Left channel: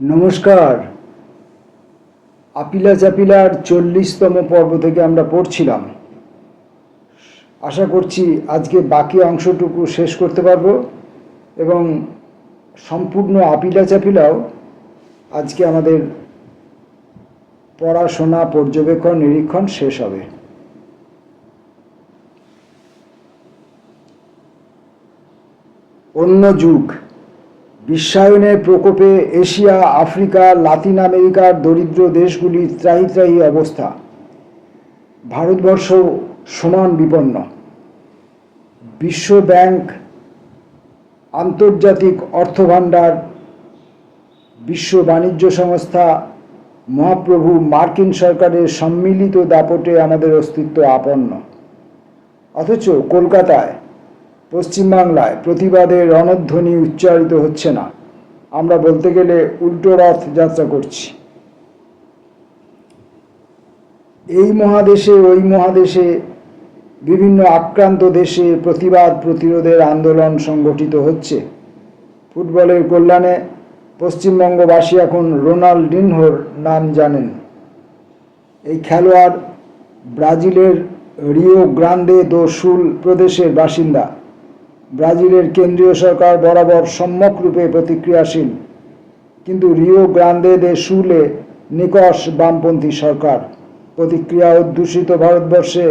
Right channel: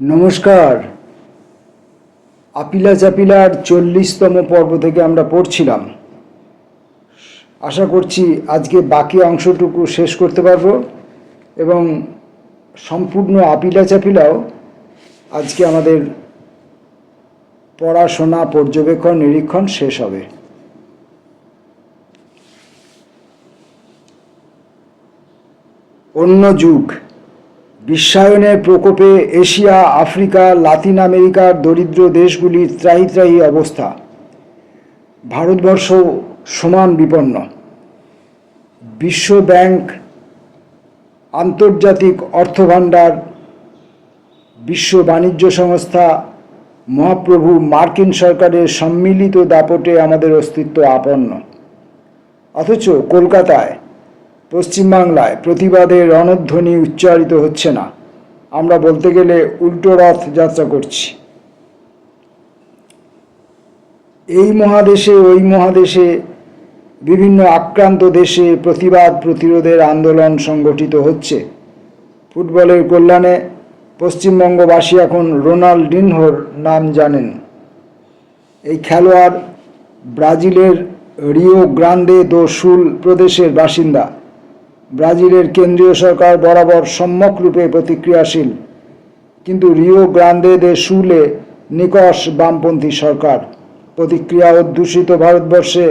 নমস্কার। আপিলা চাপিলার 40তম পর্ব থেকে আমরা পড়ছিলাম। আশা করছি আজকে বাকি অংশটুকু শেষ করতে পারবো এবং সম্পূর্ণ আপিলা চাপিলাও আজকে আমাদের পড়াশোনা, পর্যবেক্ষণ, নিরীক্ষণ শেষ হবে। অন্য যুগ। বিশ্বায়নের প্রকোপে এশিয়া, আফ্রিকা, লাতিন আমেরিকার দরিদ্র দেশগুলির ত্রাহি ত্রাহি অবস্থা। ভারতবর্ষ সমান বিপন্ন। বিশ্ব ব্যাংক, আন্তর্জাতিক অর্থভাণ্ডার, বিশ্ব বাণিজ্য সংস্থা, মহাপ্রভু মার্কিন সরকারের সম্মিলিত দাপটে আমাদের অস্তিত্ব আপন্ন। অথচ কলকাতায়, পশ্চিমবাংলায় প্রতিবাদের রণধ্বনি উচ্চারিত হচ্ছে না। আমরা বলতে গেলে উল্টো রথ যাত্রা করছি। এই মহাদেশে ওই মহাদেশে বিভিন্ন আক্রান্ত দেশে প্রতিবাদ প্রতিরোধের আন্দোলন সংগঠিত হচ্ছে। ফুটবলের কল্যাণে পশ্চিমবঙ্গবাসী এখন রোনাল্ডিনহোর নাম জানেন। এই খেলোয়াড় ব্রাজিলের রিও গ্রান্দে দো সুল প্রদেশের বাসিন্দা। ব্রাজিলের কেন্দ্রীয় সরকার বরাবর সম্যকরূপে প্রতিক্রিয়াশীল, কিন্তু রিও গ্রান্দে দে সুলে নিকষ বামপন্থী সরকার। প্রতিক্রিয়া অধ্যুষিত ভারতবর্ষে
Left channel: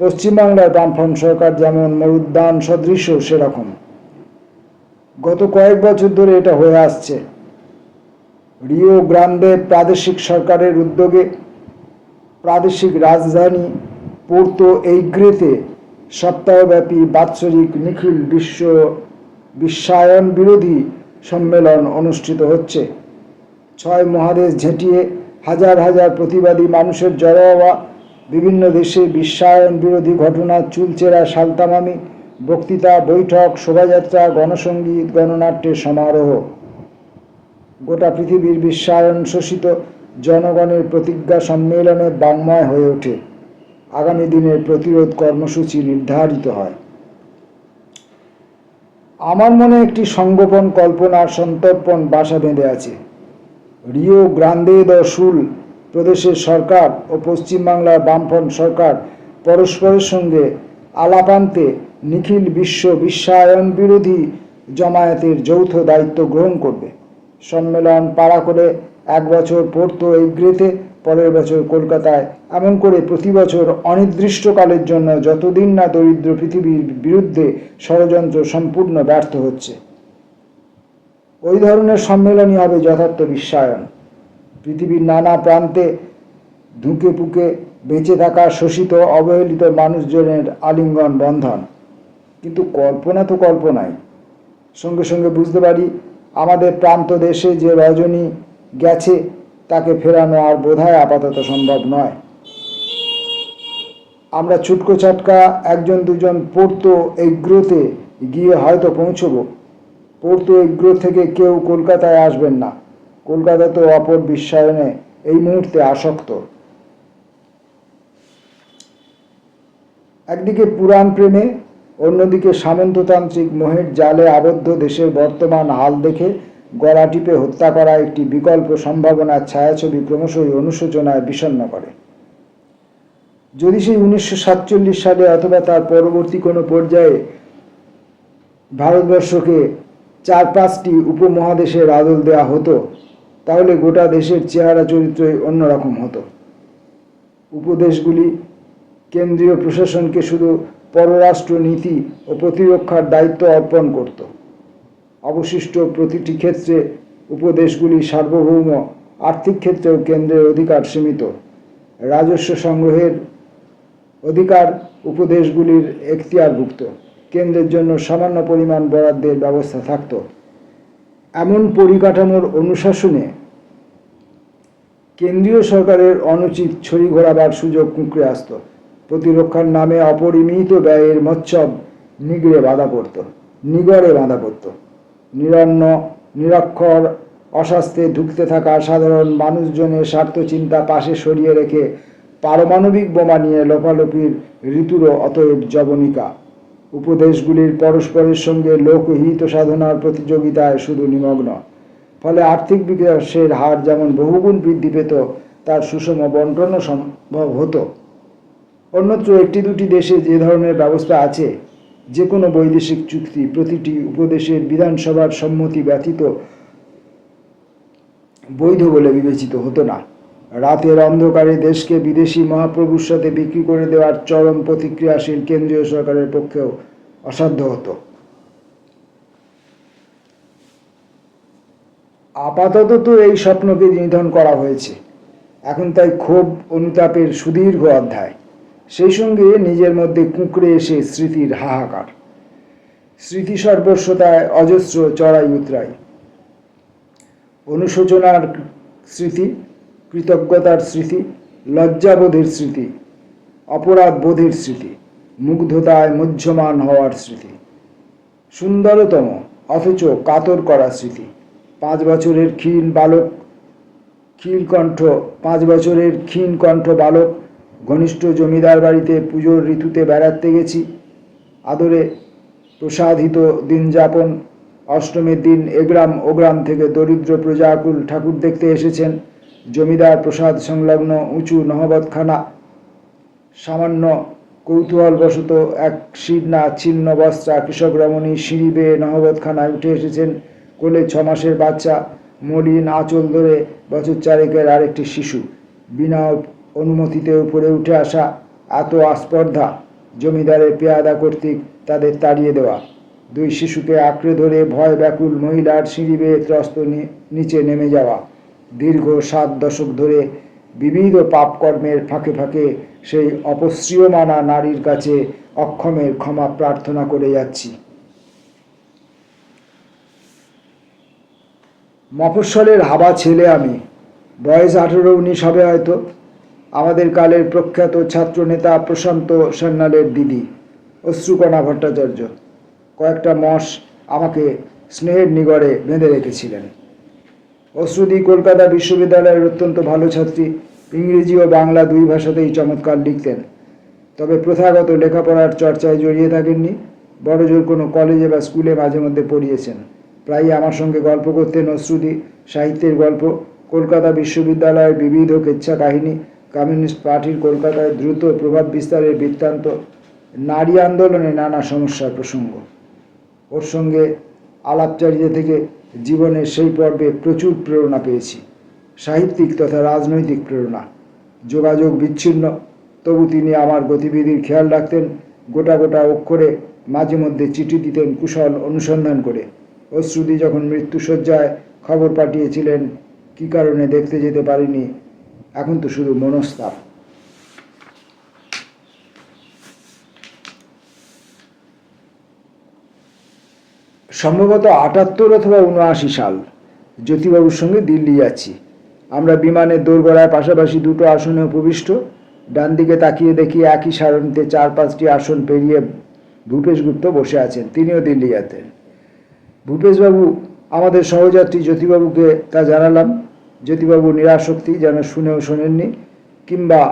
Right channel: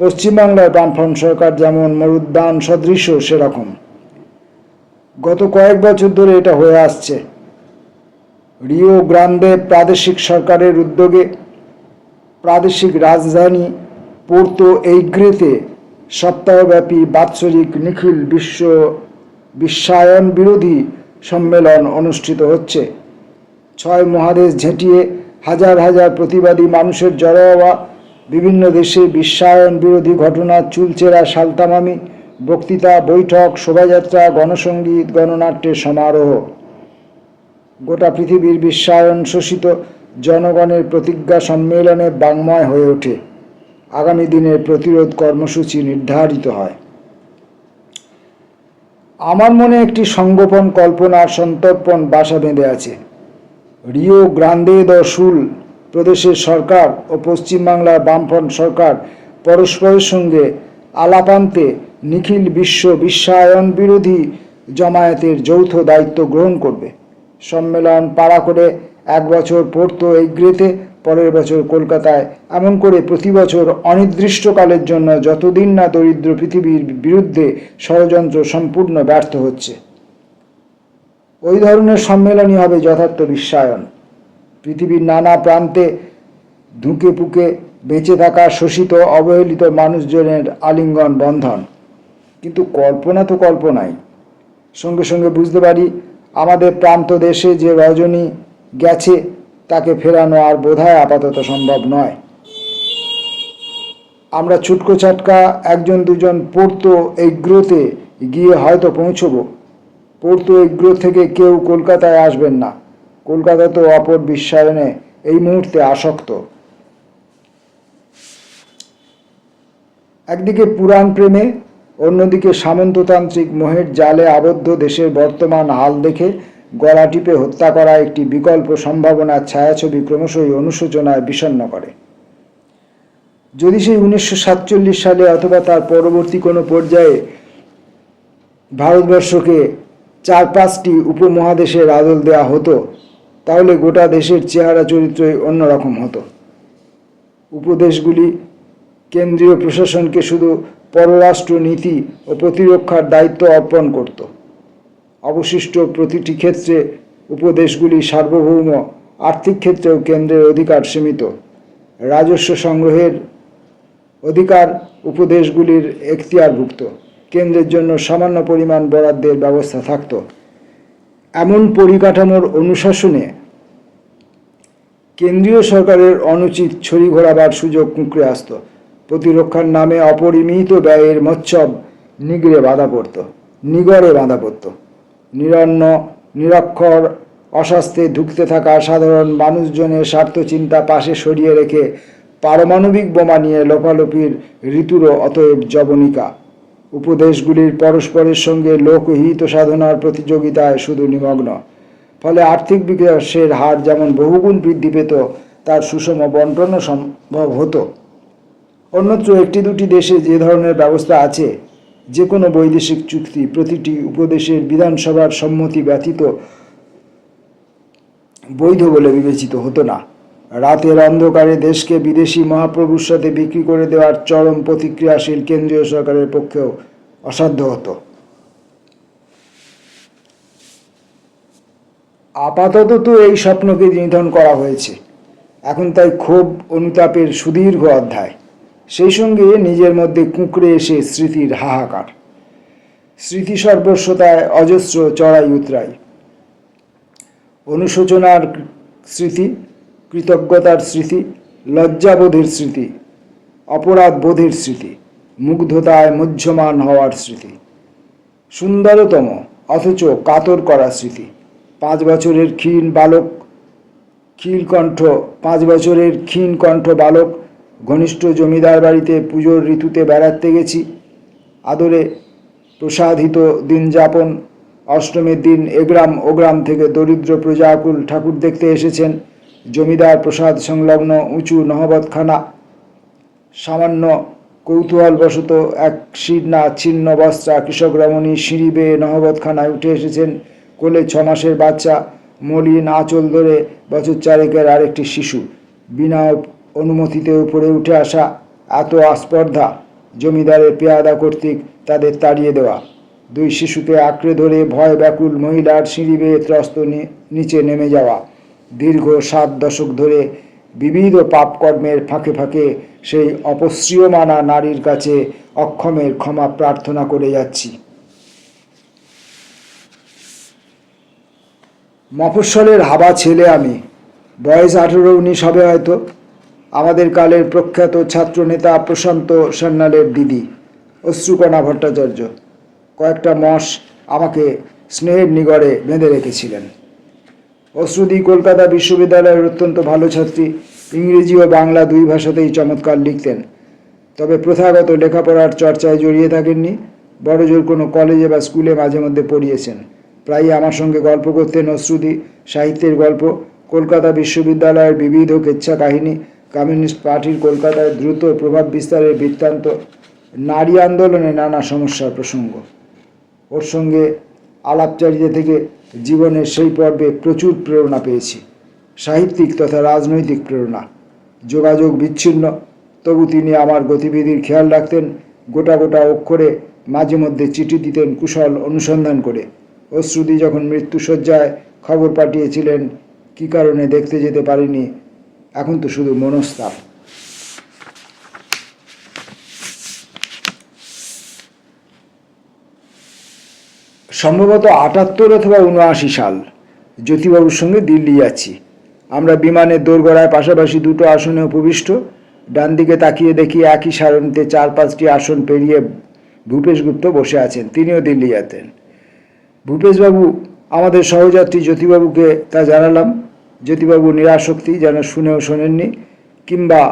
পশ্চিমবাংলার বামফ্রন্ট সরকার যেমন মরুদ্যান সদৃশ সেরকম। গত কয়েক বছর ধরে এটা হয়ে আসছে। রিও গ্রান্দে প্রাদেশিক সরকারের উদ্যোগে প্রাদেশিক রাজধানী পোর্তো এইগ্রেতে সপ্তাহব্যাপী বাৎসরিক নিখিল বিশ্বায়ন বিরোধী সম্মেলন অনুষ্ঠিত হচ্ছে। 6 মহাদেশ ঝেঁটিয়ে হাজার হাজার প্রতিবাদী মানুষের জড়ো হওয়া, বিভিন্ন দেশে বিশ্বায়ন বিরোধী ঘটনা, চুলচেরা সালতামামি, বক্তৃতা, বৈঠক, শোভাযাত্রা, গণসঙ্গীত, গণনাট্যের সমারোহ। গোটা পৃথিবীর বিশ্বায়ন শোষিত জনগণের প্রতিজ্ঞা সম্মেলনে বাংময় হয়ে ওঠে। আগামী দিনের প্রতিরোধ কর্মসূচি নির্ধারিত হয়। আমার মনে একটি সংগোপন কল্পনার সন্তর্পণ বাসা বেঁধে আছে। রিও গ্রান্দে দ সুল প্রদেশের সরকার ও পশ্চিমবাংলার বামফ্রন্ট সরকার পরস্পরের সঙ্গে আলাপান্তে নিখিল বিশ্ব বিশ্বায়ন বিরোধী জমায়েতের যৌথ দায়িত্ব গ্রহণ করবে। সম্মেলন পাড়া করে 1 বছর পোর্তো এইগ্রেতে, পরের বছর কলকাতায়, এমন করে প্রতি বছর অনির্দিষ্টকালের জন্য, যতদিন না দরিদ্র পৃথিবীর বিরুদ্ধে ষড়যন্ত্র সম্পূর্ণ ব্যর্থ হচ্ছে। ওই ধরনের সম্মেলনই হবে যথার্থ বিশ্বায়ন। পৃথিবীর নানা প্রান্তে ধুঁকে পুকে বেঁচে থাকা শোষিত অবহেলিত মানুষজনের আলিঙ্গন বন্ধন। কিন্তু কল্পনা তো কল্পনাই। সঙ্গে সঙ্গে বুঝতে পারি আমাদের প্রান্ত দেশে যে রজনী গেছে তাকে ফেরানো আর বোধহয় আপাতত সম্ভব নয়। আমরা ছুটকো চাটকা 1-2 পোর্তো এইগ্রেতে গিয়ে হয়তো পৌঁছবো। পোর্তো এইগ্রে থেকে কেউ কলকাতায় আসবেন না। কলকাতা তো অপর বিশ্বায়নে এই মুহূর্তে আসক্ত। একদিকে পুরাণ প্রেমে, অন্যদিকে সামন্ততান্ত্রিক মোহের জালে আবদ্ধ দেশের বর্তমান হাল দেখে গলা টিপে হত্যা করা একটি বিকল্প সম্ভাবনার ছায়াছবি ক্রমশই অনুশোচনায় বিষণ্ণ করে। যদি সেই 1947 সালে অথবা তার পরবর্তী কোনো পর্যায়ে ভারতবর্ষকে 4-5টি উপমহাদেশের আদল দেয়া হতো, তাহলে গোটা দেশের চেহারা চরিত্রই অন্যরকম হতো। উপদেশগুলি কেন্দ্রীয় প্রশাসনকে শুধু পররাষ্ট্র নীতি ও প্রতিরক্ষার দায়িত্ব অর্পণ করত। অবশিষ্ট প্রতিটি ক্ষেত্রে উপদেশগুলি সার্বভৌম, আর্থিক ক্ষেত্রেও কেন্দ্রের অধিকার সীমিত। রাজস্ব সংগ্রহের অধিকার উপদেশগুলির এখতিয়ারভুক্ত। কেন্দ্রের জন্য সামান্য পরিমাণ বরাদ্দের ব্যবস্থা থাকত। এমন পরিকাঠামোর অনুশাসনে কেন্দ্রীয় সরকারের অনুচিত ছড়ি ঘোরাবার সুযোগ কুঁকড়ে আসত। প্রতিরক্ষার নামে অপরিমিত ব্যয়ের মচ্ছব নিগড়ে বাঁধা পড়ত। নিরন্ন, নিরক্ষর, অস্বাস্থ্যে ধুঁকতে থাকা সাধারণ মানুষজনের স্বার্থ চিন্তা পাশে সরিয়ে রেখে পারমাণবিক বোমা নিয়ে লোপালোপির ঋতুরও অতএব জবনিকা। উপদেশগুলির পরস্পরের সঙ্গে লোকহিত সাধনার প্রতিযোগিতায় শুধু নিমগ্ন। ফলে আর্থিক বিকাশের হার যেমন বহুগুণ বৃদ্ধি পেত, তার সুষম বন্টনও সম্ভব হতো। অন্যত্র একটি দুটি দেশে যে ধরনের ব্যবস্থা আছে, যে কোনো বৈদেশিক চুক্তি প্রতিটি উপদেশের বিধানসভার সম্মতি ব্যতীত বৈধ বলে বিবেচিত হতো না। রাতের অন্ধকারে দেশকে বিদেশি মহাপ্রভুর সাথে বিক্রি করে দেওয়ার চরম প্রতিক্রিয়াশীল কেন্দ্রীয় সরকারের পক্ষেও অসাধ্য হতো। আপাতত তো এই স্বপ্নকে নিধন করা হয়েছে, এখন তাই ক্ষোভ অনুতাপের সুদীর্ঘ অধ্যায়, সেই সঙ্গে নিজের মধ্যে কুঁকড়ে এসে স্মৃতির হাহাকার। স্মৃতি সর্বস্বতায় অজস্র চড়াই উতরাই, অনুশোচনার স্মৃতি, কৃতজ্ঞতার স্মৃতি, লজ্জাবোধের স্মৃতি, অপরাধ বোধের স্মৃতি, মুগ্ধতায় মুহ্যমান হওয়ার স্মৃতি, সুন্দরতম অথচ কাতর করা স্মৃতি। 5 বছরের ক্ষীণ কণ্ঠ বালক ঘনিষ্ঠ জমিদার বাড়িতে পুজোর ঋতুতে বেড়াতে গেছি, আদরে প্রসাদিত দিন যাপন। অষ্টমীর দিন এগ্রাম ওগ্রাম থেকে দরিদ্র প্রজাকুল ঠাকুর দেখতে এসেছেন। জমিদার প্রসাদ সংলগ্ন উঁচু নহবতখানা। সামান্য কৌতূহলবশত এক শীর্ণা ছিন্ন বস্ত্রা কৃষক রমণী সিঁড়ি বেয়ে নহবতখানায় উঠে এসেছেন। কোলে 6 মাসের বাচ্চা, মলিন আঁচল ধরে বছর 4 আরেকটি শিশু। বিনা অনুমতিতে উপরে উঠে আসা, এত আস্পর্ধা! জমিদারের পেয়াদা কর্তৃক তাদের তাড়িয়ে দেওয়া। 2 শিশুকে আঁকড়ে ধরে ভয় ব্যাকুল মহিলার সিঁড়ি বেয়ে ত্রস্ত নিচে নেমে যাওয়া। দীর্ঘ 7 দশক ধরে বিবিধ পাপকর্মের ফাঁকে ফাঁকে সেই অপসৃয়মানা নারীর কাছে অক্ষমের ক্ষমা প্রার্থনা করে যাচ্ছি। মফস্বলের হাবা ছেলে আমি, বয়স 18-19 হবে হয়তো। আমাদের কালের প্রখ্যাত ছাত্রনেতা প্রশান্ত সান্যালের দিদি অশ্রুকণা ভট্টাচার্য কয়েকটা মাস আমাকে স্নেহের নিগড়ে বেঁধে রেখেছিলেন। অশ্রুদি কলকাতা বিশ্ববিদ্যালয়ের অত্যন্ত ভালো ছাত্রী, ইংরেজি ও বাংলা 2 ভাষাতেই চমৎকার লিখতেন। তবে প্রথাগত লেখাপড়ার চর্চায় জড়িয়ে থাকেননি। বড়জোর কোনো কলেজে বা স্কুলে মাঝে মধ্যে পড়িয়েছেন। প্রায়ই আমার সঙ্গে গল্প করতেন অশ্রুদি, সাহিত্যের গল্প, কলকাতা বিশ্ববিদ্যালয়ের বিবিধ কেচ্ছা কাহিনী, কমিউনিস্ট পার্টির কলকাতায় দ্রুত প্রভাব বিস্তারের বৃত্তান্ত, নারী আন্দোলনে নানা সমস্যার প্রসঙ্গ। ওর সঙ্গে আলাপচারিতা থেকে জীবনের সেই পর্বে প্রচুর প্রেরণা পেয়েছি, সাহিত্যিক তথা রাজনৈতিক প্রেরণা। যোগাযোগ বিচ্ছিন্ন, তবু তিনি আমার গতিবিধির খেয়াল রাখতেন। গোটা গোটা অক্ষরে মাঝে মধ্যে চিঠি দিতেন কুশল অনুসন্ধান করে। অশ্রুদি যখন মৃত্যুশয্যায় খবর পাঠিয়েছিলেন কী কারণে দেখতে যেতে পারিনি, এখন তো শুধু মনস্তাপ। সম্ভবত 78 অথবা 79 সাল, জ্যোতিবাবুর সঙ্গে দিল্লি যাচ্ছি। আমরা বিমানের দোরগোড়ায় পাশাপাশি 2টো আসনে উপবিষ্ট। ডান দিকে তাকিয়ে দেখি একই সারণিতে 4-5টি আসন পেরিয়ে ভূপেশ গুপ্ত বসে আছেন, তিনিও দিল্লি যেতেন। ভূপেশবাবু আমাদের সহযাত্রী জ্যোতিবাবুকে তা জানালাম। জ্যোতিবাবু নিরাসক্তি, যেন শুনেও শোনেননি, কিংবা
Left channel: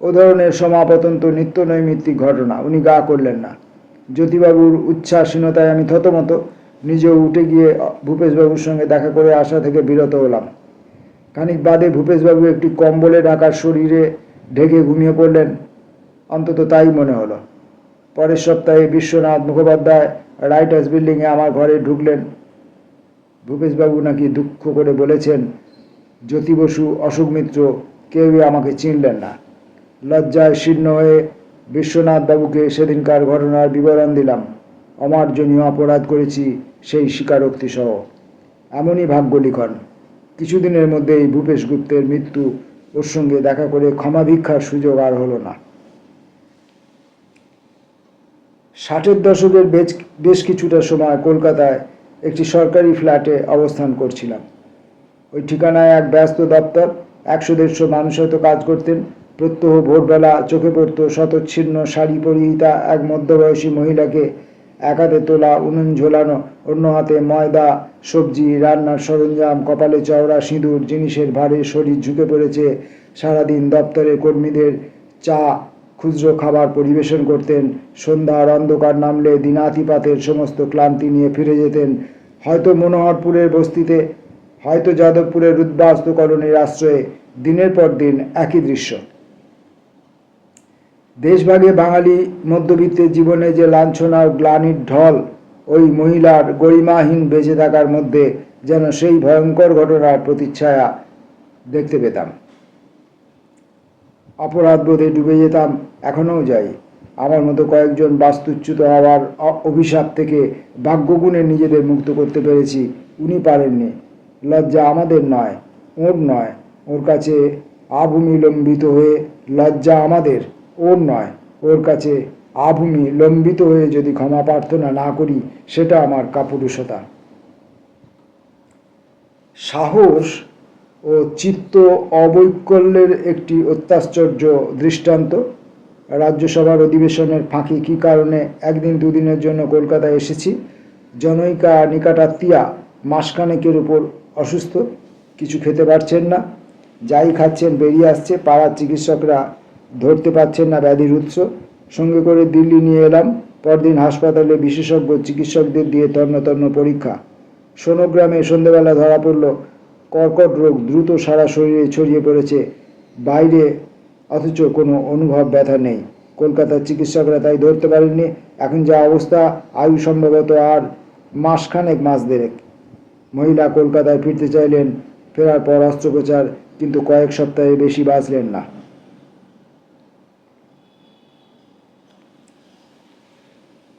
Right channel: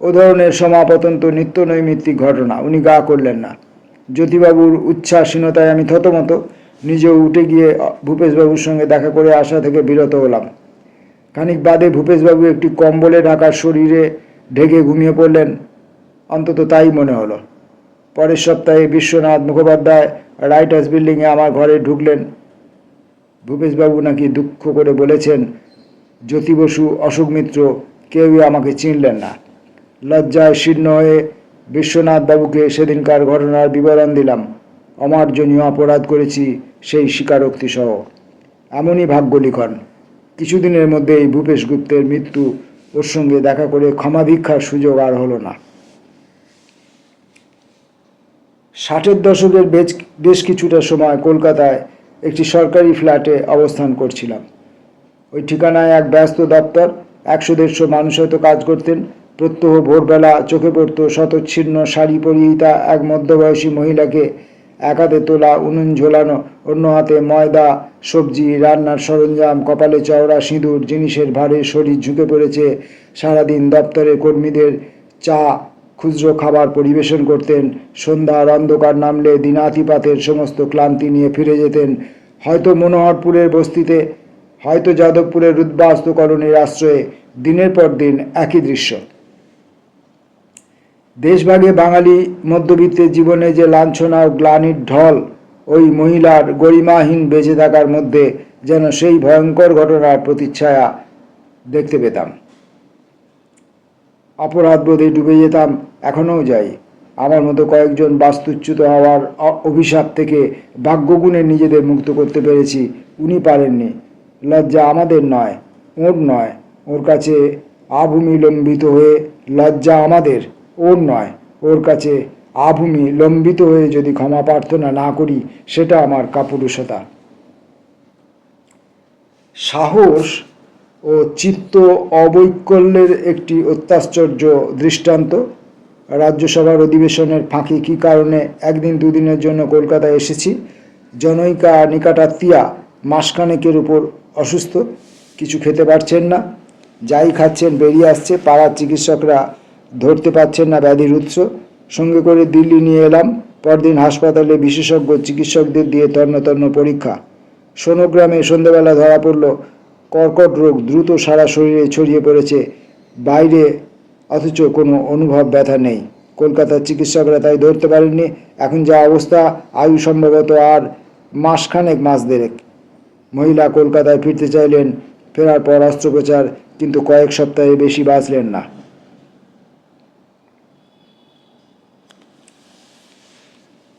ও ধরনের সমাপতন্ত নিত্য নৈমিত্তিক ঘটনা উনি গা করলেন না। জ্যোতিবাবুর উচ্ছ্বাসীনতায় আমি থতমত। নিজেও উঠে গিয়ে ভূপেশবাবুর সঙ্গে দেখা করে আসা থেকে বিরত হলাম। খানিক বাদে ভূপেশবাবু একটি কম্বলে ঢাকা শরীরে ঢেকে ঘুমিয়ে পড়লেন, অন্তত তাই মনে হলো। পরের সপ্তাহে বিশ্বনাথ মুখোপাধ্যায় রাইটার্স বিল্ডিংয়ে আমার ঘরে ঢুকলেন। ভূপেশবাবু নাকি দুঃখ করে বলেছেন, জ্যোতি বসু, অশোক মিত্র কেউই আমাকে চিনলেন না। লজ্জায় শীর্ণ হয়ে বিশ্বনাথবাবুকে সেদিনকার ঘটনার বিবরণ দিলাম। অমার্জনীয় অপরাধ করেছি সেই স্বীকারোক্তি সহ। এমনই ভাগ্য লিখন, কিছুদিনের মধ্যেই ভূপেশ গুপ্তের মৃত্যু। ওর সঙ্গে দেখা করে ক্ষমা ভিক্ষার সুযোগ আর হলো না। 60-এর দশকের বেশ কিছুটা সময় কলকাতায় একটি সরকারি ফ্ল্যাটে অবস্থান করছিলাম। ওই ঠিকানায় এক ব্যস্ত দপ্তর, 100-150 মানুষ হয়তো কাজ করতেন। প্রত্যহ ভোরবেলা চোখে পড়ত শতচ্ছিন্ন শাড়ি পরিহিতা এক মধ্যবয়সী মহিলাকে, এক হাতে তোলা উনুন ঝোলানো, অন্য হাতে ময়দা, সবজি, রান্নার সরঞ্জাম, কপালে চওড়া সিঁদুর, জিনিসের ভারে শরীর ঝুঁকে পড়েছে। সারাদিন দপ্তরের কর্মীদের চা, খুচরো খাবার পরিবেশন করতেন। সন্ধ্যার অন্ধকার নামলে দিনাতিপাতের সমস্ত ক্লান্তি নিয়ে ফিরে যেতেন। হয়তো মনোহরপুরের বস্তিতে, হয়তো যাদবপুরের উদ্বাস্তু কলোনির আশ্রয়ে দিনের পর দিন একই দৃশ্য। দেশভাগে বাঙালি মধ্যবিত্তের জীবনে যে লাঞ্ছনা ও গ্লানির ঢল, ওই মহিলার গরিমাহীন বেঁচে থাকার মধ্যে যেন সেই ভয়ঙ্কর ঘটনার প্রতিচ্ছায়া দেখতে পেতাম। অপরাধবোধে ডুবে যেতাম, এখনও যাই। আমার মতো কয়েকজন বাস্তুচ্যুত হওয়ার অভিশাপ থেকে ভাগ্যগুণে নিজেদের মুক্ত করতে পেরেছি, উনি পারেননি। লজ্জা আমাদের নয়, ওর নয়। ওর কাছে আভূমি লম্বিত হয়ে লজ্জা আমাদের, ওর নয়। ওর কাছে আভূমি লম্বিত হয়ে যদি ক্ষমা প্রার্থনা না করি, সেটা আমার কাপুরুষতা। সাহস ও চিত্ত অবৈকল্যের একটি অত্যাশ্চর্য দৃষ্টান্ত। রাজ্যসভার অধিবেশনের ফাঁকে কী কারণে একদিন দুদিনের জন্য কলকাতায় এসেছি। জনৈকা নিকটাত্মীয়া মাসখানেকের উপর অসুস্থ, কিছু খেতে পারছেন না, যাই খাচ্ছেন বেরিয়ে আসছে। পাড়ার চিকিৎসকরা ধরতে পারছেন না ব্যাধির উৎস। সঙ্গে করে দিল্লি নিয়ে এলাম। পরদিন হাসপাতালে বিশেষজ্ঞ চিকিৎসকদের দিয়ে তন্ন তন্ন পরীক্ষা। সোনোগ্রামে সন্ধ্যাবেলা ধরা পড়ল কর্কট রোগ দ্রুত সারা শরীরে ছড়িয়ে পড়েছে বাইরে, অথচ কোনো অনুভব ব্যথা নেই। কলকাতার চিকিৎসকরা তাই ধরতে পারেননি। এখন যা অবস্থা, আয়ু সম্ভবত আর মাসখানেক, মাস দেড়েক। মহিলা কলকাতায় ফিরতে চাইলেন, ফেরার পর অস্ত্রোপচার, কিন্তু কয়েক সপ্তাহে বেশি বাঁচলেন না।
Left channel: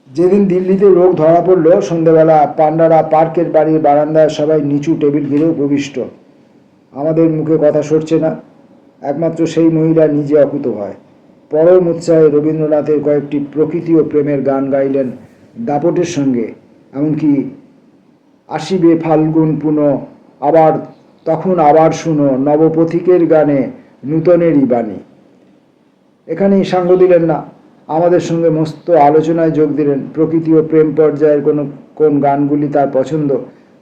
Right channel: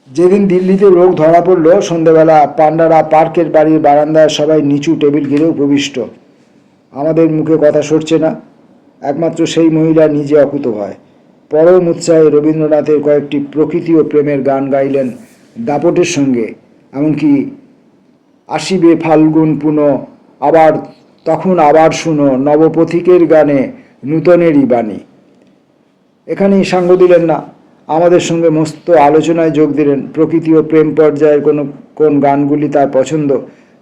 যেদিন দিল্লিতে রোগ ধরা পড়ল, সন্ধ্যেবেলা পান্ডারা পার্কের বাড়ির বারান্দায় সবাই নিচু টেবিল ঘিরে উপবিষ্ট। আমাদের মুখে কথা সরছে না, একমাত্র সেই মহিলা নিজে অকুতোভয়। পরম উৎসাহে রবীন্দ্রনাথের কয়েকটি প্রকৃতি ও প্রেমের গান গাইলেন দাপটের সঙ্গে। এমনকি আসিবে ফাল্গুন পুন, আবার তখন আবার শুনো নবপথিকের গানে নূতনেরই বাণী। এখানেই সাঙ্গ দিলেন না, আমাদের সঙ্গে মস্ত আলোচনায় যোগ দিলেন। প্রকৃতি ও প্রেম পর্যায়ের কোন গানগুলি তার পছন্দ,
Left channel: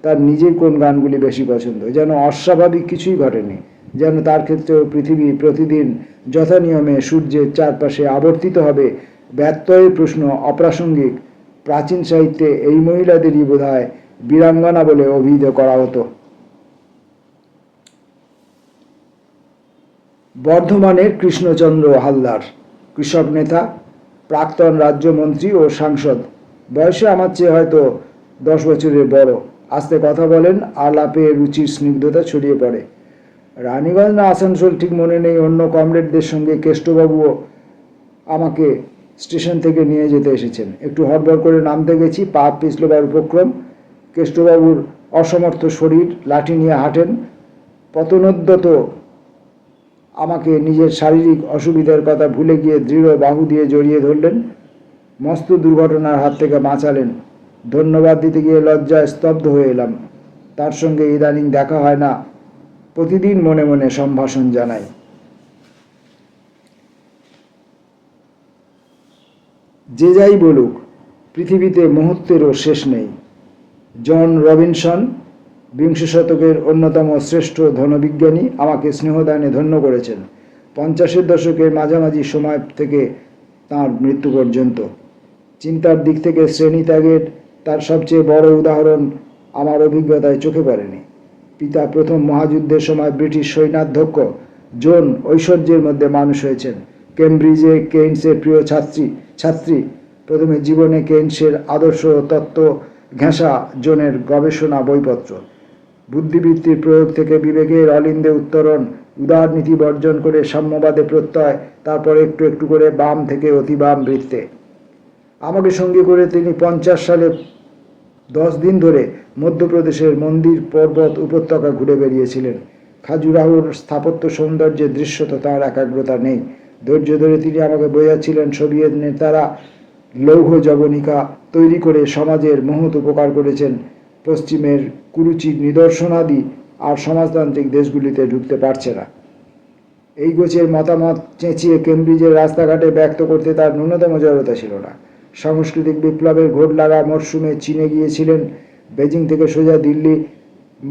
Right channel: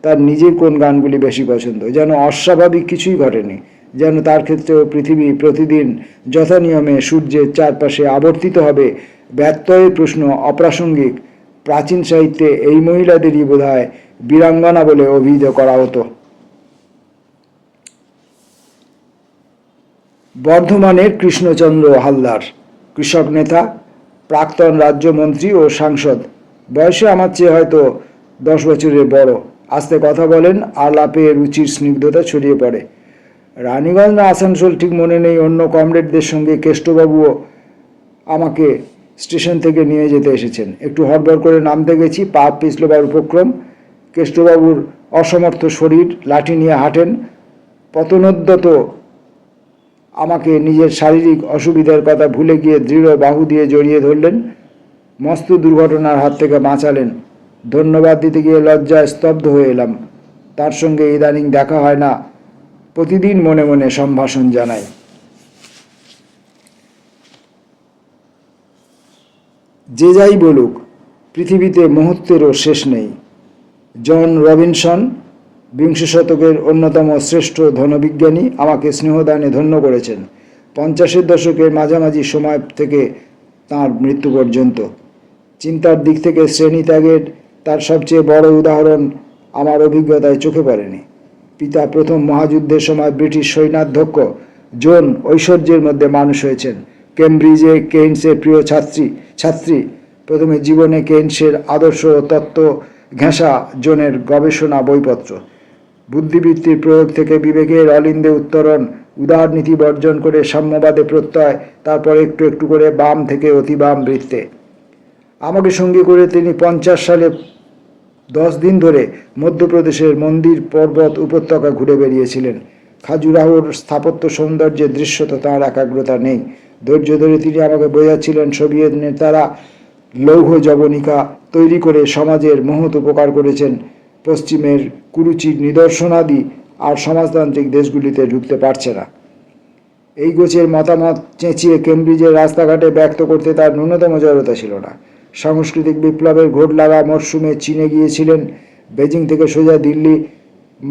তার নিজের কোন গানগুলি বেশি পছন্দ। যেন অস্বাভাবিক কিছুই ঘটেনি, যেন তার ক্ষেত্রেও পৃথিবী প্রতিদিন যথানিয়মে সূর্যের চারপাশে আবর্তিত হবে। ব্যত্যয়ের প্রশ্ন অপ্রাসঙ্গিক। প্রাচীন সাহিত্যে এই মহিলাদেরই বোধহয় বীরাঙ্গনা বলে অভিহিত করা হতো। বর্ধমানের কৃষ্ণচন্দ্র হালদার, কৃষক নেতা, প্রাক্তন রাজ্যমন্ত্রী ও সাংসদ। বয়সে আমার চেয়ে হয়তো 10 বছরের বড়। আস্তে কথা বলেন, আলাপে রুচির স্নিগ্ধতা ছড়িয়ে পড়ে। রানীগঞ্জ না আসানসোল ঠিক মনে নেই, অন্য কমরেডদের সঙ্গে কেষ্টবাবুও আমাকে স্টেশন থেকে নিয়ে যেতে এসেছেন। একটু হড়বড় করে নামতে গেছি, পা পিছলবার উপক্রম। কেষ্টবাবুর অসমর্থ শরীর, লাঠি নিয়ে হাঁটেন। পতনোদ্যত আমাকে নিজের শারীরিক অসুবিধার কথা ভুলে গিয়ে দৃঢ় বাহু দিয়ে জড়িয়ে ধরলেন। মস্ত দুর্ঘটনার হাত থেকে বাঁচালেন। ধন্যবাদ দিতে গিয়ে লজ্জায় স্তব্ধ হয়ে এলাম। তার সঙ্গে ইদানিং দেখা হয় না, প্রতিদিন মনে মনে সম্ভাষণ জানাই। যে যাই বলুক, পৃথিবীতে মুহূর্তেরও শেষ নেই। জন রবিনসন, বিংশ শতকের অন্যতম শ্রেষ্ঠ ধনবিজ্ঞানী, আমাকে স্নেহদানে ধন্য করেছেন 50-এর দশকের মাঝামাঝি সময় থেকে তাঁর মৃত্যু পর্যন্ত। চিন্তার দিক থেকে শ্রেণীত্যাগের তার সবচেয়ে বড় উদাহরণ আমার অভিজ্ঞতায় চোখে পড়েনি। পিতা প্রথম মহাযুদ্ধের সময় ব্রিটিশ সৈন্যাধ্যক্ষ। জন ঐশ্বর্যের মধ্যে মানুষ হয়েছেন। কেমব্রিজে কেইন্সের প্রিয় ছাত্রী। প্রথমে জীবনে কেইন্সের আদর্শ তত্ত্ব ঘেঁষা জনের গবেষণা বইপত্র। বুদ্ধিবৃত্তির প্রয়োগ থেকে বিবেকের অলিন্দে উত্তরণ, উদার নীতি বর্জন করে সাম্যবাদে প্রত্যয়, তারপর একটু একটু করে বাম থেকে অতি বাম বৃত্তে। আমাকে সঙ্গী করে তিনি 50 সালে 10 দিন ধরে মধ্যপ্রদেশের মন্দির পর্বত উপত্যকা ঘুরে বেরিয়েছিলেন। খাজুরাহোর স্থাপত্য সৌন্দর্যের দৃশ্যত তাঁর একাগ্রতা নেই। ধৈর্য ধরে তিনি আমাকে বোঝাচ্ছিলেন সোভিয়েত নেতারা লৌহ যবনিকা তৈরি করে সমাজের মহৎ উপকার করেছেন। পশ্চিমের কুরুচির নিদর্শনাদি আর সমাজতান্ত্রিক দেশগুলিতে ঢুকতে পারছে না। এই গোছের মতামত চেঁচিয়ে কেমব্রিজের রাস্তাঘাটে ব্যক্ত করতে তার ন্যূনতম জড়তা ছিল না। সাংস্কৃতিক বিপ্লবের ঘোট লাগা মরশুমে চীনে গিয়েছিলেন। বেজিং থেকে সোজা দিল্লি,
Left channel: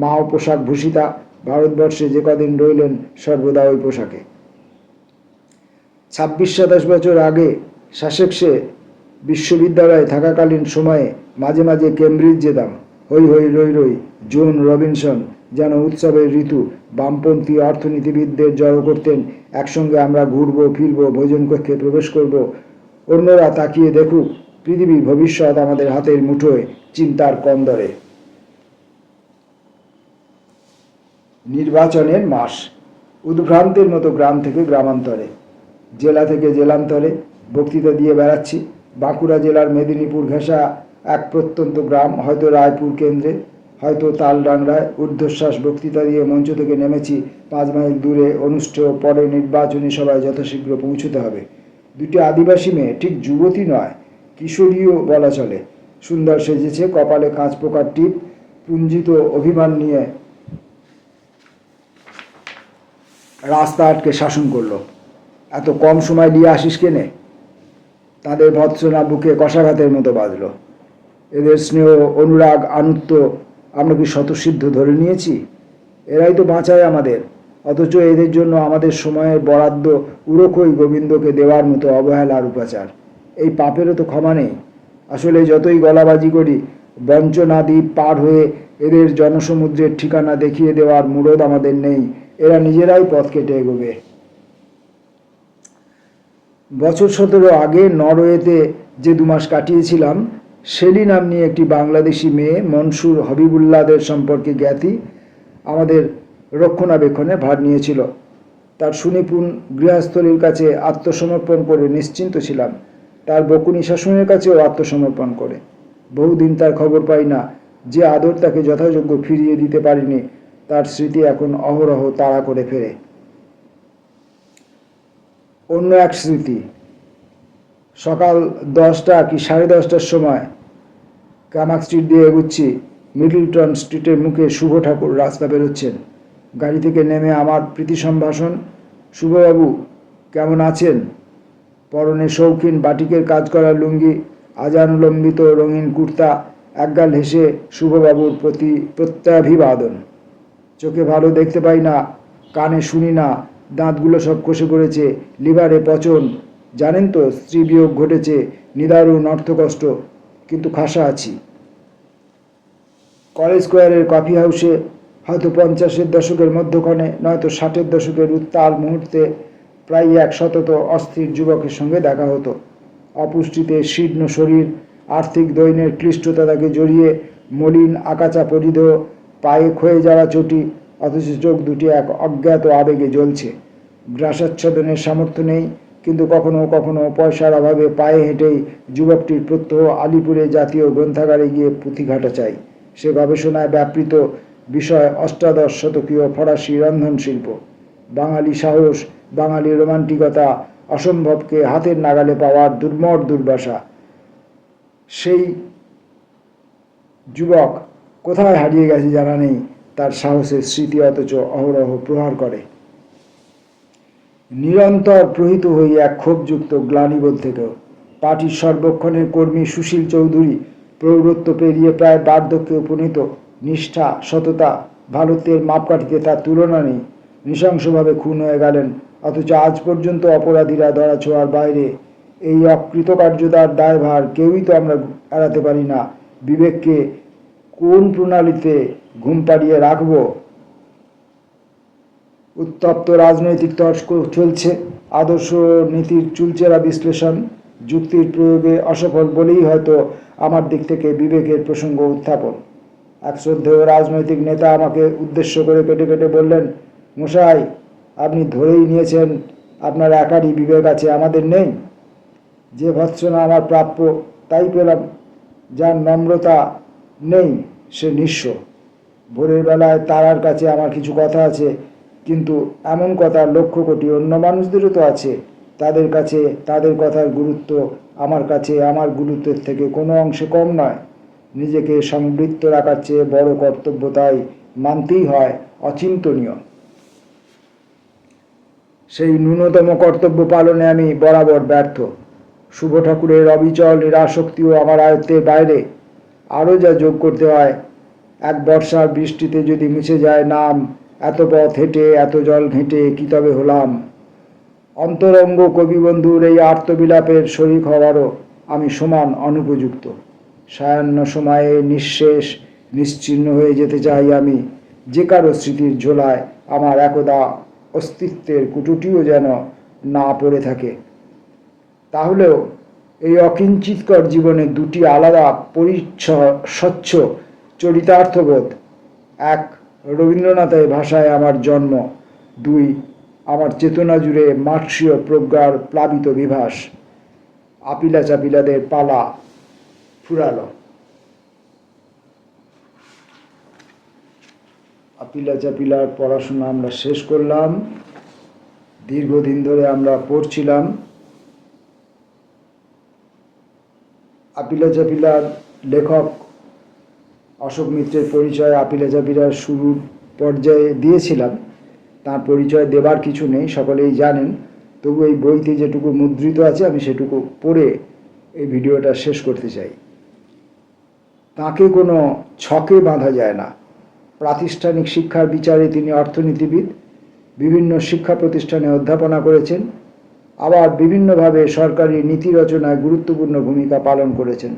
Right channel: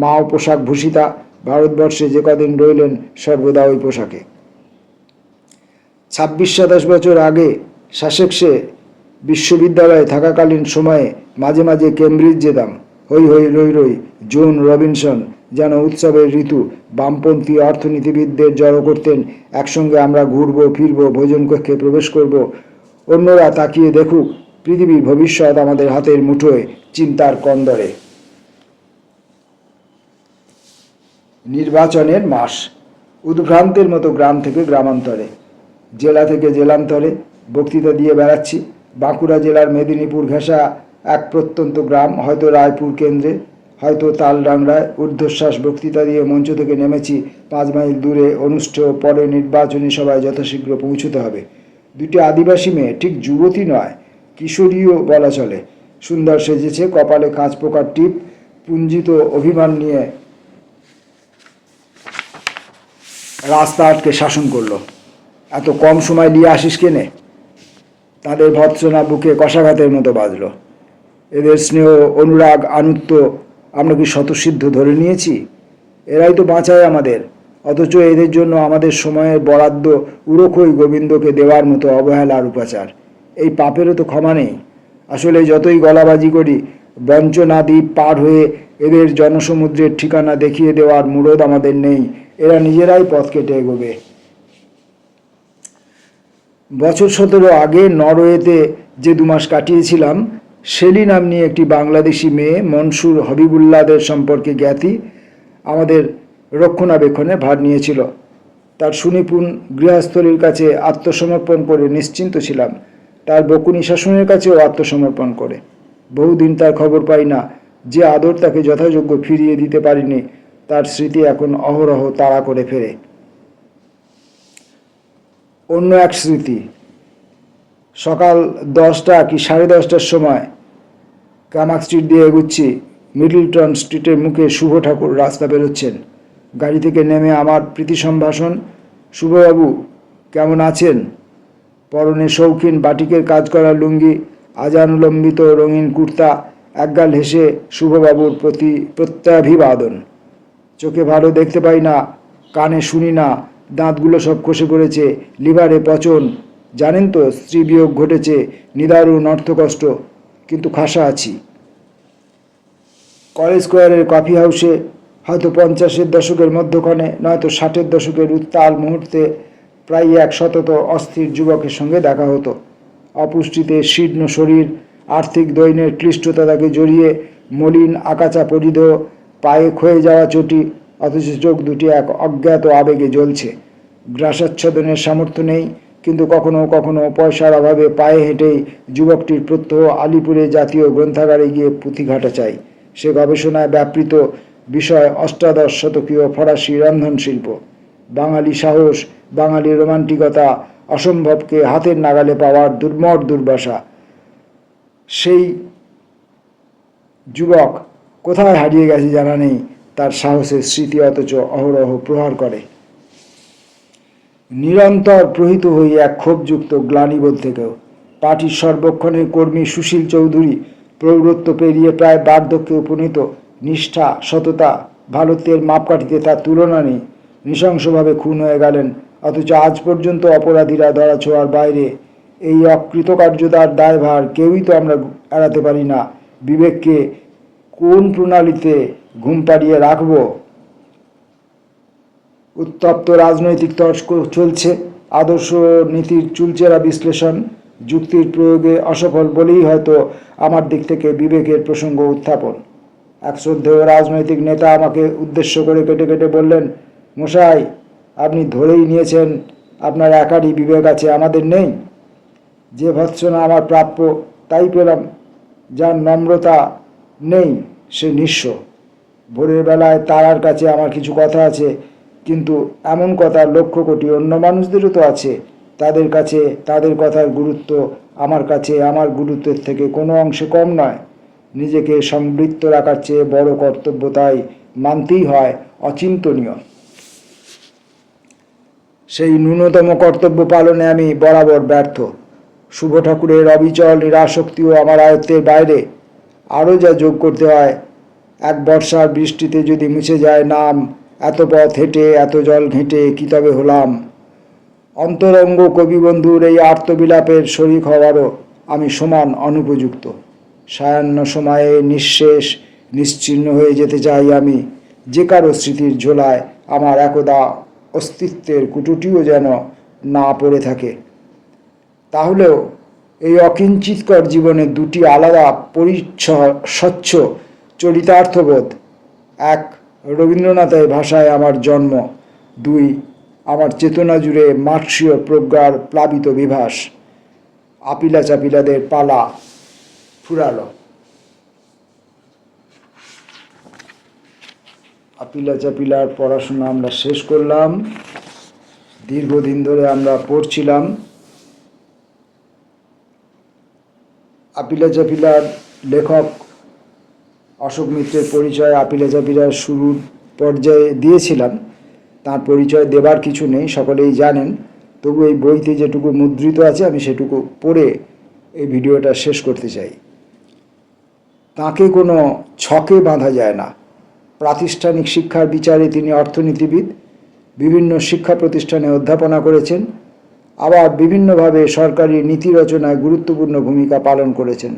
মাও পোশাক ভূষিতা। ভারতবর্ষে যে কদিন রইলেন সর্বদা ওই পোশাকে। 26-27 বছর আগে সাসেক্সে বিশ্ববিদ্যালয়ে থাকাকালীন সময়ে মাঝে মাঝে কেমব্রিজ যেতাম। হই হই রই রই, জন রবিনসন, যেন উৎসবের ঋতু। বামপন্থী অর্থনীতিবিদদের জড়ো করতেন, একসঙ্গে আমরা ঘুরবো ফিরবো, ভোজন কক্ষে প্রবেশ করব, অন্যরা তাকিয়ে দেখুক, পৃথিবীর ভবিষ্যৎ আমাদের হাতের মুঠোয়, চিন্তার কন্দরে। নির্বাচনের মাস। উদ্ভ্রান্তের মতো গ্রাম থেকে গ্রামান্তরে, জেলা থেকে জেলান্তরে বক্তৃতা দিয়ে বেড়াচ্ছি। বাঁকুড়া জেলার মেদিনীপুর ঘেঁষা এক প্রত্যন্ত গ্রাম, হয়তো রায়পুর কেন্দ্রে, হয়তো তালডাংরায়। ঊর্ধ্বশ্বাস বক্তৃতা দিয়ে মঞ্চ থেকে নেমেছি। 5 মাইল দূরে অনুষ্ঠেয় পরে নির্বাচনী সভায় যথাশীঘ্র পৌঁছতে হবে। দুটি আদিবাসী মেয়ে, ঠিক যুবতী নয়, কিশোরীও বলা চলে, সুন্দর সেজেছে, কপালে কাঁচ পোকার টিপ, পুঞ্জিত অভিমান নিয়ে রাস্তা আটকে শাসন করলো। এত কম সময় নিয়ে আসিস কেনে? তাদের ভৎসনা বুকে কষাঘাতের মতো বাজল। এদের স্নেহ, অনুরাগ, আনুত্য আমরা কি স্বতঃসিদ্ধ ধরে নিয়েছি? এরাই তো বাঁচায় আমাদের, অথচ এদের জন্য আমাদের সময়ের বরাদ্দ উড়োখই গোবিন্দকে দেওয়ার মতো অবহেলার উপাচার। এই পাপেরও তো ক্ষমা নেই। আসলে যতই গলাবাজি করি, বঞ্চনা দ্বীপ পার হয়ে এদের জনসমুদ্রের ঠিকানা দেখিয়ে দেওয়ার মুরদ আমাদের নেই। এরা নিজেরাই পথ কেটে এগোবে। বছর 17 আগে নরওয়েতে যে 2 মাস কাটিয়েছিলাম, শেলি নাম্নী একটি বাংলাদেশি মেয়ে, মনসুর হবিবুল্লাহদের সম্পর্কে জ্ঞাতি, আমাদের রক্ষণাবেক্ষণে ভার নিয়েছিল। তার সুনিপুণ গৃহস্থলীর কাছে আত্মসমর্পণ করে নিশ্চিন্ত ছিলাম, তার বকুনি শাসনের কাছেও আত্মসমর্পণ করে। বহুদিন তার খবর পাই না। যে আদর তাকে যথাযোগ্য ফিরিয়ে দিতে পারিনি, তার স্মৃতি এখন অহরহ তাড়া করে ফেরে। অন্য এক স্মৃতি, সকাল 10টা কি 10:30টার সময় কামাক স্ট্রিট দিয়ে এগুচ্ছি। মিডলটন স্ট্রিটের মুখে শুভ ঠাকুর রাস্তা বেরোচ্ছেন। গাড়ি থেকে নেমে আমার প্রীতি সম্ভাষণ, শুভবাবু কেমন আছেন? পরনে শৌখিন বাটিকের কাজ করা লুঙ্গি, আজানুলম্বিত রঙিন কুর্তা, একগাল হেসে শুভবাবুর প্রতি প্রত্যাভিবাদন। চোখে ভালো দেখতে পাই না, কানে শুনি না, দাঁতগুলো সব খসে পড়েছে, লিভারে পচন। জানেন তো, স্ত্রী বিয়োগ ঘটেছে, নিদারুণ অর্থকষ্ট, কিন্তু খাসা আছি। কলেজ স্কোয়ারের কফি হাউসে হয়তো 50-এর দশকের মধ্যখানে, নয়তো 60-এর দশকের উত্তাল মুহূর্তে প্রায় এক শতত অস্থির যুবকের সঙ্গে দেখা হতো। অপুষ্টিতে শীর্ণ শরীর, আর্থিক দৈন্যের ক্লিষ্টতা তাকে জড়িয়ে, মলিন আকাচা পরিধেয়, পায়ে ক্ষয়ে যাওয়া চটি, অথচ চোখ দুটি এক অজ্ঞাত আবেগে জ্বলছে। গ্রাসাচ্ছাদনের সামর্থ্য নেই, কিন্তু কখনো কখনো পয়সার অভাবে পায়ে হেঁটেই যুবকটির প্রত্যহ আলিপুরে জাতীয় গ্রন্থাগারে গিয়ে পুঁথিঘাটা চাই। সে গবেষণায় ব্যাপৃত বিষয় 18 শতকীয় ফরাসি রন্ধনশিল্প। বাঙালি সাহস, বাঙালি রোমান্টিকতা, অসম্ভবকে হাতের নাগালে পাওয়ার দুর্মর দুর্বাসা। সেই যুবক কোথায় হারিয়ে গেছে জানা নেই, তার সাহসের স্মৃতি অথচ অহরহ প্রহার করে। নিরন্তর প্রহিত হই এক ক্ষোভযুক্ত গ্লানিবোধ থেকেও। পার্টির সর্বক্ষণের কর্মী সুশীল চৌধুরী প্রৌঢ়ত্ব পেরিয়ে প্রায় বার্ধক্যে উপনীত। নিষ্ঠা, সততা, ভারতের মাপকাঠিতে তার তুলনা নেই। নৃশংসভাবে খুন হয়ে গেলেন, অথচ আজ পর্যন্ত অপরাধীরা ধরাছোঁয়ার বাইরে। এই অকৃতকার্যতার দায়ভার কেউই তো আমরা এড়াতে পারি না। বিবেককে কোন প্রণালীতে ঘুম পাড়িয়ে রাখব? উত্তপ্ত রাজনৈতিক তর্ক চলছে, আদর্শ নীতির চুলচেরা বিশ্লেষণ, যুক্তির প্রয়োগে অসফল বলেই হয়তো আমার দিক থেকে বিবেকের প্রসঙ্গ উত্থাপন। এক শ্রদ্ধেয় রাজনৈতিক নেতা আমাকে উদ্দেশ্য করে কেটে কেটে বললেন, মশাই, আপনি ধরেই নিয়েছেন আপনার একারই বিবেক আছে, আমাদের নেই। যে ভৎসনা আমার প্রাপ্য তাই পেলাম। যার নম্রতা নেই সে নিঃস্ব। ভোরের বেলায় তারার কাছে আমার কিছু কথা আছে, কিন্তু এমন কথা 1,00,000 কোটি অন্য মানুষদেরও তো আছে। তাদের কাছে তাদের কথার গুরুত্ব আমার কাছে আমার গুরুত্বের থেকে কোনো অংশে কম নয়। নিজেকে সংবৃত্ত রাখার চেয়ে বড় কর্তব্য তাই মানতেই হয় অচিন্তনীয়। সেই ন্যূনতম কর্তব্য পালনে আমি বরাবর ব্যর্থ। শুভ ঠাকুরের অবিচল নিরাসক্তিও আমার আয়ত্তের বাইরে। আরও যা যোগ করতে হয়, এক বর্ষার বৃষ্টিতে যদি মুছে যায় নাম, এত পথ হেঁটে এত জল ঘেঁটে কি তবে হলাম? অন্তরঙ্গ কবিবন্ধুর এই আর্তবিলাপের শরিক হওয়ারও আমি সমান অনুপযুক্ত। সায়াহ্ন সময়ে নিঃশেষ নিশ্চিহ্ন হয়ে যেতে চাই আমি। যে কারো স্মৃতির ঝোলায় আমার একদা অস্তিত্বের কুটুটিও যেন না পড়ে থাকে। তাহলেও এই অকিঞ্চিতকর জীবনে দুটি আলাদা স্বচ্ছ চরিতার্থবোধ: এক, রবীন্দ্রনাথের ভাষায় আমার জন্ম; দুই, আমার চেতনা জুড়ে মার্ক্সীয় প্রজ্ঞার প্লাবিত বিভাস। আপিলা চাপিলাদের পালা ফুরালো। আপিলা চাপিলার পড়াশোনা আমরা শেষ করলাম। দীর্ঘদিন ধরে আমরা পড়ছিলাম। আপিলা চাপিলার লেখক অশোক মিত্রের পরিচয় আপিলা চাপিলার শুরুর পর্যায়ে দিয়েছিলাম। তার পরিচয় দেবার কিছু নেই, সকলেই জানেন। তবু এই বইতে যেটুকু মুদ্রিত আছে আমি সেটুকু পড়ে এই ভিডিওটা শেষ করতে চাই। তাকে কোনো ছকে বাঁধা যায় না। প্রাতিষ্ঠানিক শিক্ষার বিচারে তিনি অর্থনীতিবিদ, বিভিন্ন শিক্ষা প্রতিষ্ঠানে অধ্যাপনা করেছেন, আবার বিভিন্নভাবে সরকারি নীতি রচনায় গুরুত্বপূর্ণ ভূমিকা পালন করেছেন,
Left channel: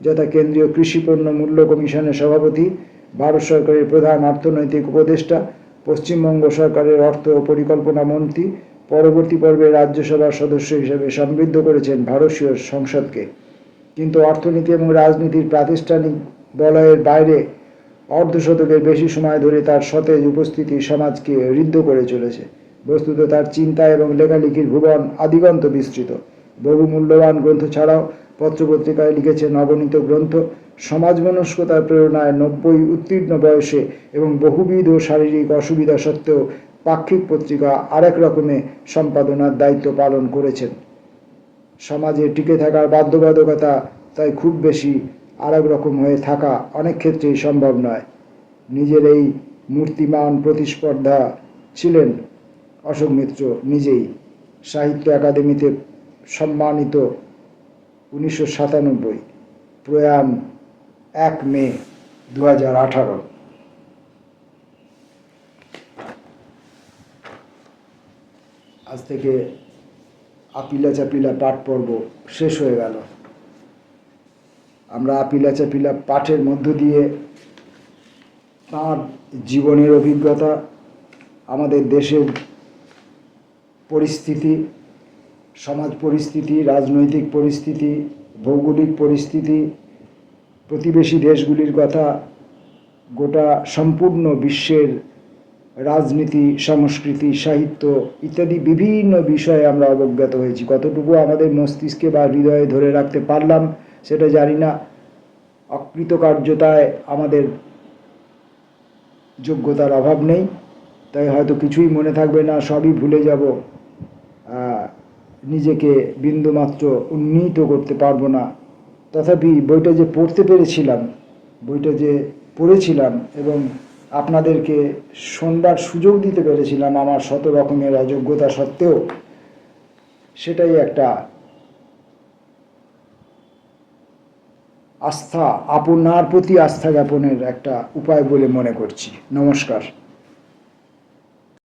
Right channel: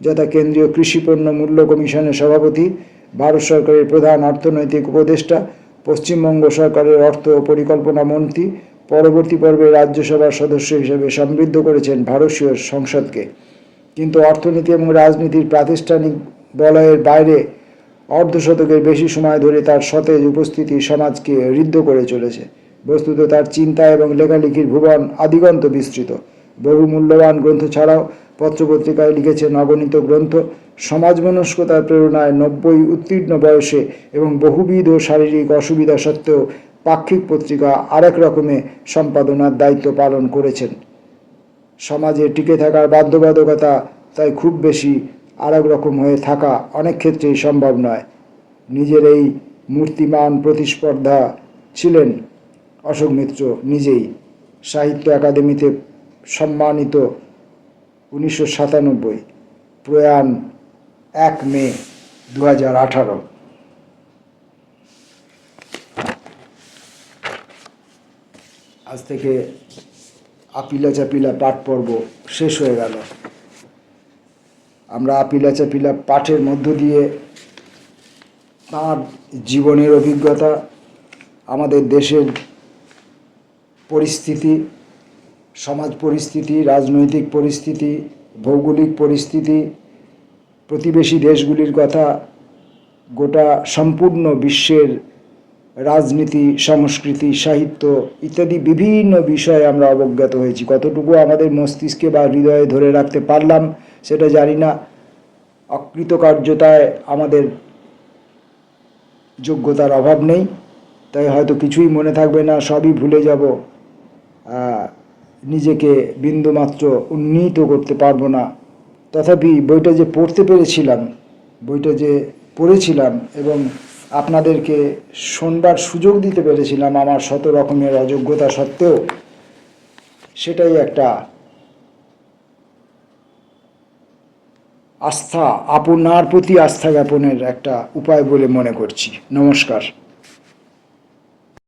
যথা কেন্দ্রীয় কৃষি পণ্য মূল্য কমিশনের সভাপতি, ভারত সরকারের প্রধান অর্থনৈতিক উপদেষ্টা, পশ্চিমবঙ্গ সরকারের অর্থ ও পরিকল্পনা মন্ত্রী, পরবর্তী পর্বে রাজ্যসভার সদস্য হিসেবে সমৃদ্ধ করেছেন ভারতীয় সংসদকে। কিন্তু অর্থনীতি এবং রাজনীতির প্রাতিষ্ঠানিক বলয়ের বাইরে অর্ধশতকের বেশি সময় ধরে তার সতেজ উপস্থিতি সমাজকে ঋদ্ধ করে চলেছে। বস্তুত তার চিন্তা এবং লেখালেখির ভুবন আদিগন্ত বিস্তৃত। বহু মূল্যবান গ্রন্থ ছাড়াও পত্রপত্রিকায় লিখেছেন অগণিত গ্রন্থ। সমাজমনস্কতার প্রেরণায় 90 উত্তীর্ণ বয়সে এবং বহুবিধ শারীরিক অসুবিধা সত্ত্বেও পাক্ষিক পত্রিকা আরেক রকমে সম্পাদনার দায়িত্ব পালন করেছেন। সমাজে টিকে থাকার বাধ্যবাধকতা তাই খুব বেশি আরেক রকম হয়ে থাকা অনেক ক্ষেত্রেই সম্ভব নয়। নিজের এই মূর্তিমান প্রতিস্পর্ধা ছিলেন অশোক মিত্র নিজেই। সাহিত্য একাডেমিতে সম্মানিত 1997, প্রয়াণ 1 মে 2018। আজ থেকে আপিলা চাপিলা পাঠ পর্ব শেষ হয়ে গেল। আমরা আপিলা চাপিলা পাঠের মধ্য দিয়ে তাঁর জীবনের অভিজ্ঞতা, আমাদের দেশের পরিস্থিতি, সমাজ পরিস্থিতি, রাজনৈতিক পরিস্থিতি, ভৌগোলিক পরিস্থিতি, প্রতিবেশী দেশগুলির কথা, গোটা সম্পূর্ণ বিশ্বের রাজনীতি, সংস্কৃতি, সাহিত্য ইত্যাদি বিভিন্ন বিষয়ে আমরা অবগত হয়েছি। কতটুকু আমাদের মস্তিষ্কে বা হৃদয়ে ধরে রাখতে পারলাম সেটা জানি না। অকৃতকার্যতায় আমাদের যোগ্যতার অভাব নেই, তাই হয়তো কিছুই মনে থাকবে না, সবই ভুলে যাব, নিজেকে বিন্দুমাত্র উন্নীত করতে পারবো না। তথাপি বইটা যে পড়তে পেরেছিলাম, বইটা যে পড়েছিলাম এবং আপনাদেরকে শোনবার সুযোগ দিতে পেরেছিলাম আমার শত রকমের অযোগ্যতা সত্ত্বেও, সেটাই একটা আস্থা, আপনার প্রতি আস্থা জ্ঞাপনের একটা উপায় বলে মনে করছি। নমস্কার।